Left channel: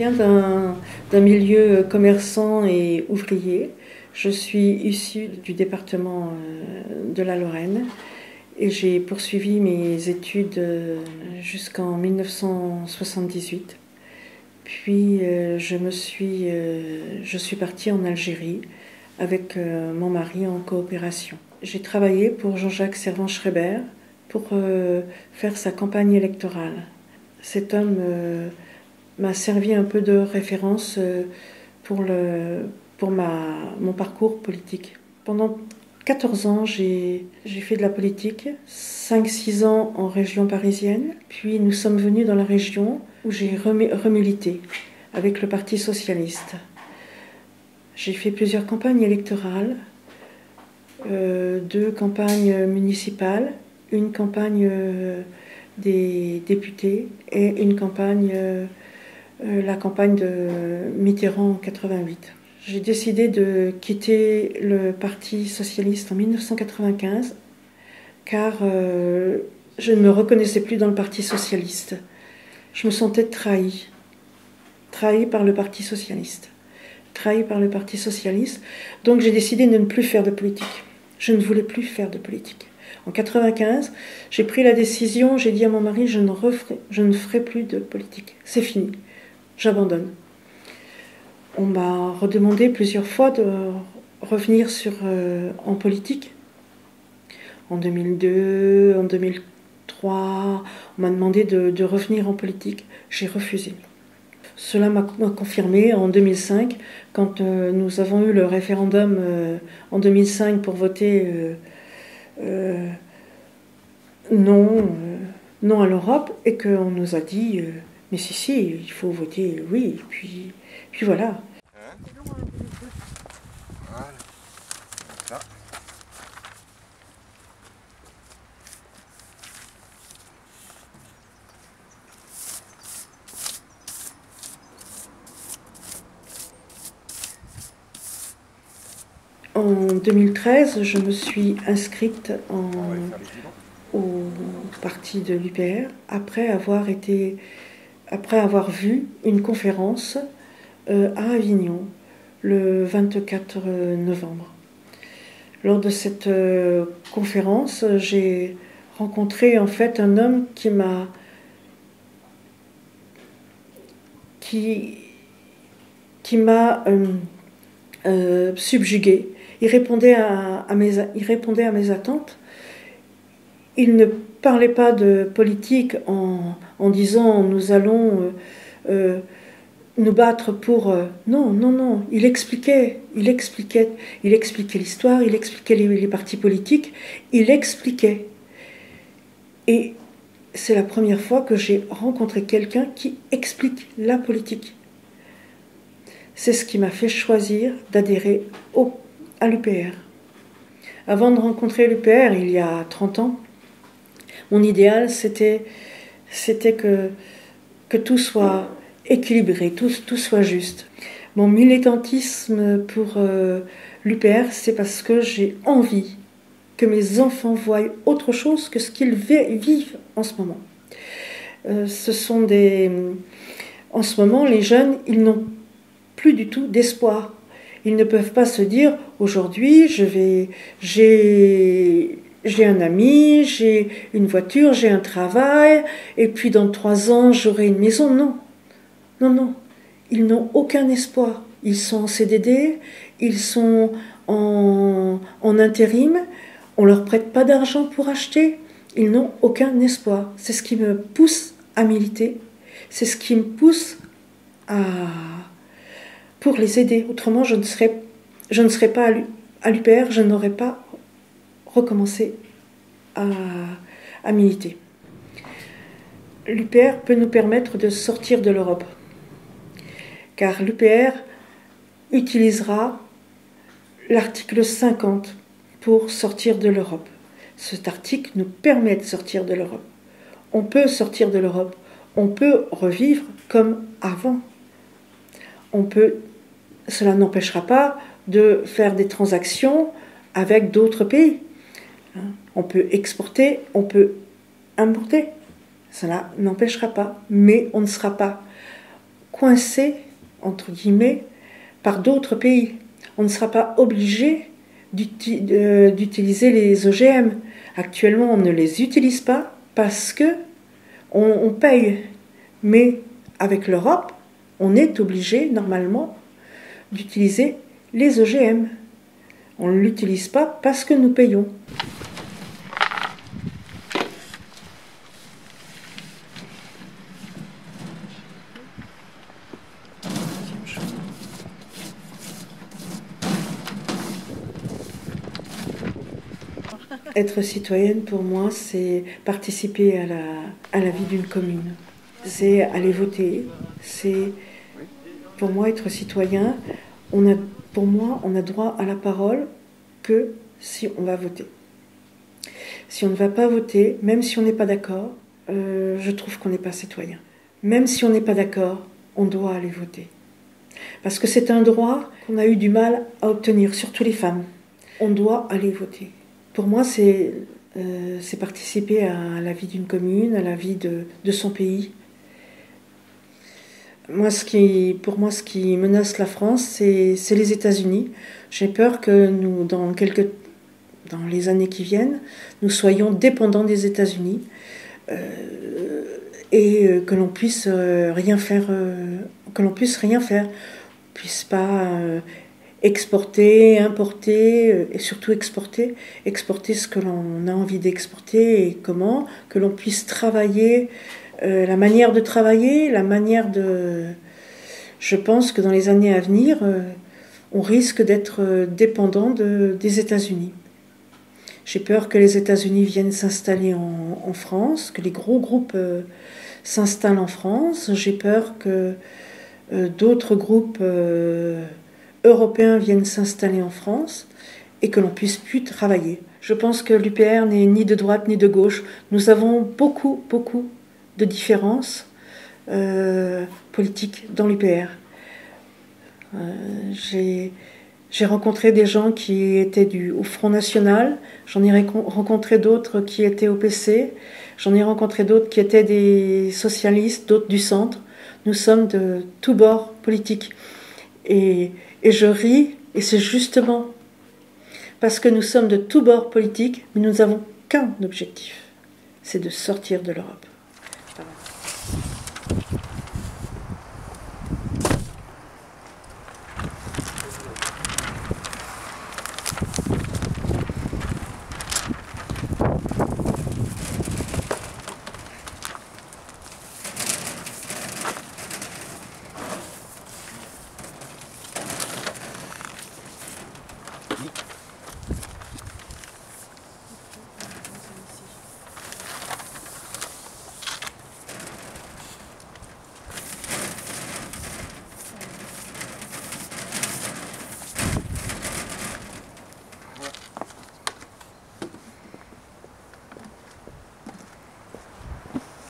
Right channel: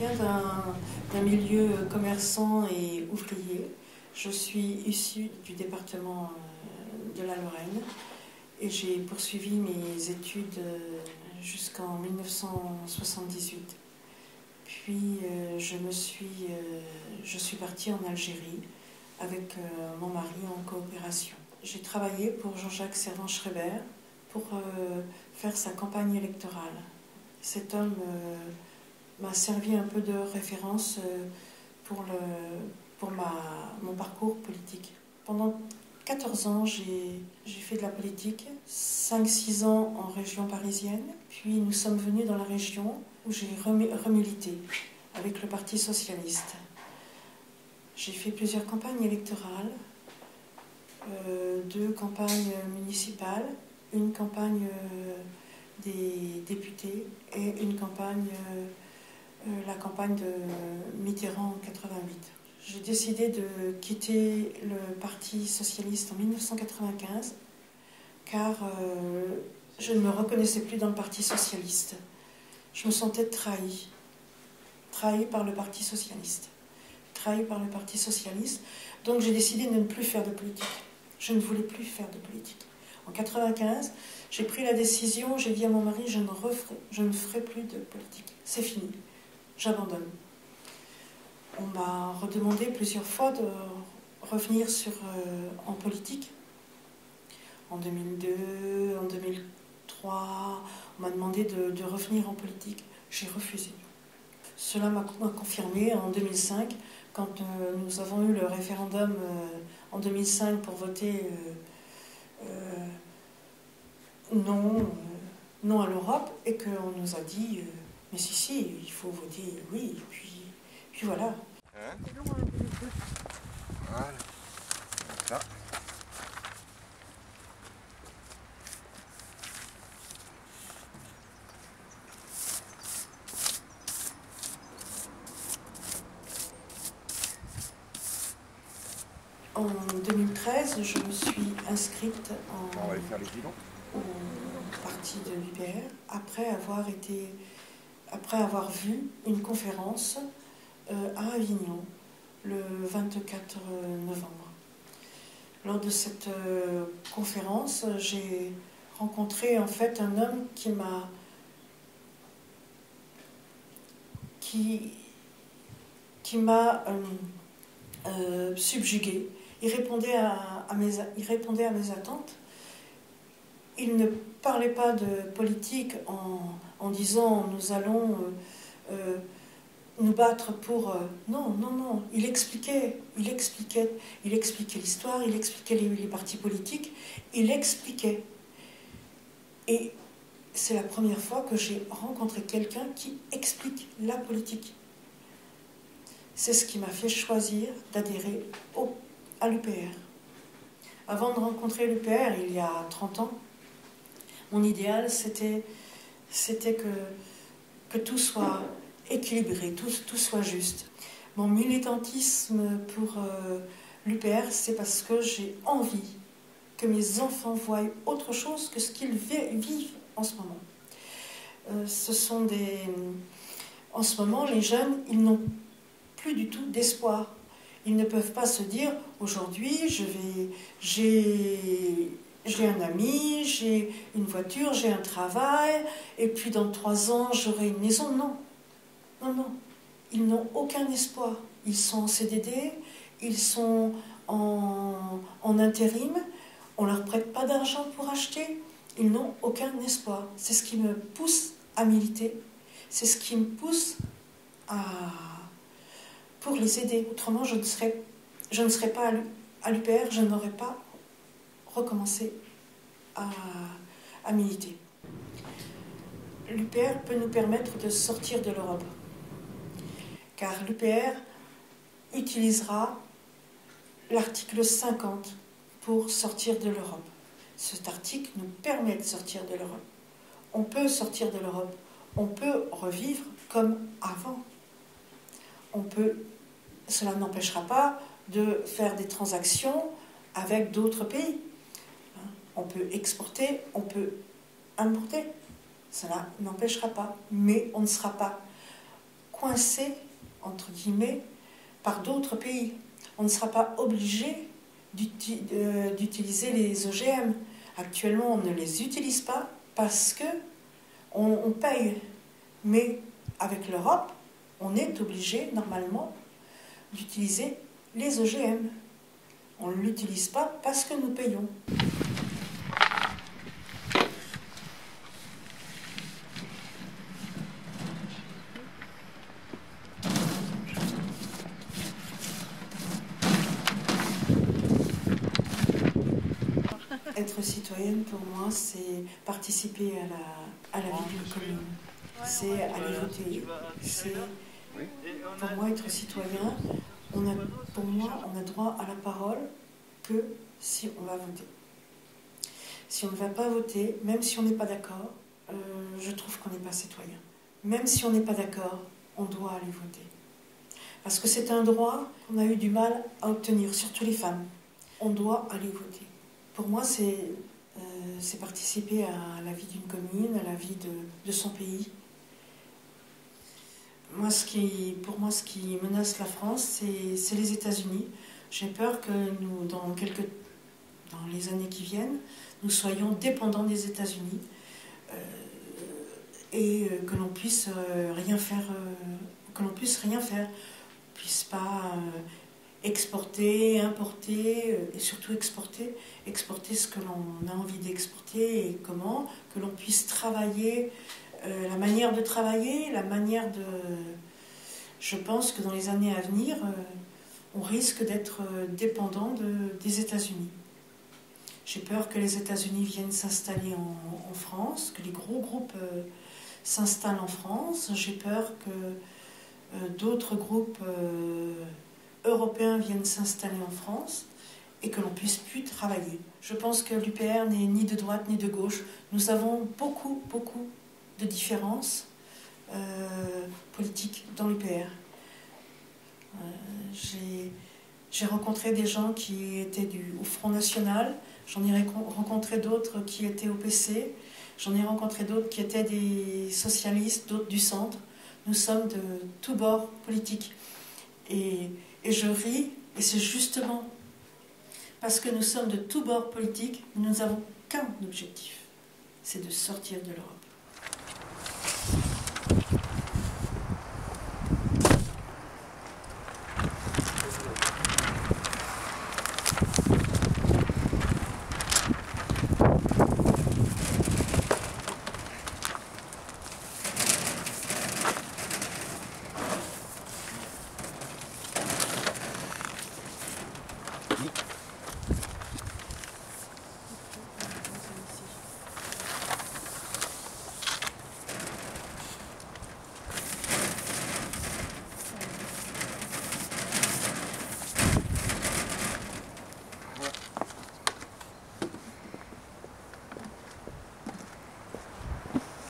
viens d'un milieu commerçant et ouvrier. Je suis issue du département de la Lorraine et j'ai poursuivi mes études jusqu'en 1978. Puis je suis partie en Algérie avec mon mari en coopération. J'ai travaillé pour Jean-Jacques Servan-Schreiber pour faire sa campagne électorale. Cet homme m'a servi un peu de référence pour mon parcours politique. Pendant 14 ans, j'ai fait de la politique, 5-6 ans en région parisienne, puis nous sommes venus dans la région où j'ai remilité avec le Parti socialiste. J'ai fait plusieurs campagnes électorales, 2 campagnes municipales, une campagne des députés et une campagne, la campagne de Mitterrand en 88. J'ai décidé de quitter le Parti socialiste en 1995 car je ne me reconnaissais plus dans le Parti socialiste. Je me sentais trahie par le Parti socialiste. Donc j'ai décidé de ne plus faire de politique. Je ne voulais plus faire de politique. En 1995, j'ai pris la décision, j'ai dit à mon mari, je ne ferai plus de politique. C'est fini, j'abandonne. On m'a redemandé plusieurs fois de revenir en politique. En 2002, en 2003, on m'a demandé de revenir en politique. J'ai refusé. Cela m'a confirmé en 2005, quand nous avons eu le référendum en 2005 pour voter non à l'Europe, et qu'on nous a dit mais si, il faut voter oui, puis voilà. Voilà. Ça. En 2013, je me suis inscrite au parti de l'UPR après avoir vu une conférence à Avignon le 24 novembre. Lors de cette conférence, j'ai rencontré en fait un homme qui m'a subjuguée. Il répondait à mes attentes. Il ne parlait pas de politique en disant nous allons nous battre pour... Non. Il expliquait l'histoire, il expliquait les partis politiques, il expliquait. Et c'est la première fois que j'ai rencontré quelqu'un qui explique la politique. C'est ce qui m'a fait choisir d'adhérer à l'UPR. Avant de rencontrer l'UPR, il y a 30 ans, mon idéal, c'était que tout soit équilibré, tout soit juste. Mon militantisme pour l'UPR, c'est parce que j'ai envie que mes enfants voient autre chose que ce qu'ils vivent en ce moment. En ce moment, les jeunes, ils n'ont plus du tout d'espoir. Ils ne peuvent pas se dire aujourd'hui j'ai un ami, j'ai une voiture, j'ai un travail, et puis dans 3 ans j'aurai une maison. Non. Ils n'ont aucun espoir. Ils sont en CDD, ils sont en intérim, on ne leur prête pas d'argent pour acheter. Ils n'ont aucun espoir. C'est ce qui me pousse à militer. C'est ce qui me pousse pour les aider. Autrement, je ne serais pas à l'UPR, je n'aurais pas recommencé à militer. L'UPR peut nous permettre de sortir de l'Europe, car l'UPR utilisera l'article 50 pour sortir de l'Europe. Cet article nous permet de sortir de l'Europe. On peut sortir de l'Europe, on peut revivre comme avant. Cela n'empêchera pas de faire des transactions avec d'autres pays. On peut exporter, on peut importer. Cela n'empêchera pas, mais on ne sera pas coincé, entre guillemets, par d'autres pays. On ne sera pas obligé d'utiliser les OGM. Actuellement, on ne les utilise pas parce que on paye. Mais avec l'Europe, on est obligé, normalement, d'utiliser les OGM. On ne l'utilise pas parce que nous payons. Être citoyenne, pour moi, c'est participer à la vie d'une commune. C'est aller voter. C'est, pour moi, être citoyen, pour moi, on a droit à la parole que si on va voter. Si on ne va pas voter, même si on n'est pas d'accord, je trouve qu'on n'est pas citoyen. Même si on n'est pas d'accord, on doit aller voter. Parce que c'est un droit qu'on a eu du mal à obtenir, surtout les femmes. On doit aller voter. Pour moi, c'est participer à la vie d'une commune, à la vie de son pays. Pour moi, ce qui menace la France, c'est les États-Unis. J'ai peur que nous, dans les années qui viennent, nous soyons dépendants des États-Unis et que l'on puisse rien faire, puisse pas exporter, importer et surtout exporter ce que l'on a envie d'exporter et comment, que l'on puisse travailler, la manière de travailler, Je pense que dans les années à venir, on risque d'être dépendant des États-Unis. J'ai peur que les États-Unis viennent s'installer en France, que les gros groupes s'installent en France. J'ai peur que d'autres groupes européens viennent s'installer en France et que l'on puisse plus travailler. Je pense que l'UPR n'est ni de droite ni de gauche. Nous avons beaucoup de différences politiques dans l'UPR. J'ai rencontré des gens qui étaient au Front National, j'en ai rencontré d'autres qui étaient au PC, j'en ai rencontré d'autres qui étaient des socialistes, d'autres du centre. Nous sommes de tous bords politiques. Et je ris, et c'est justement parce que nous sommes de tous bords politiques, mais nous n'avons qu'un objectif, c'est de sortir de l'Europe.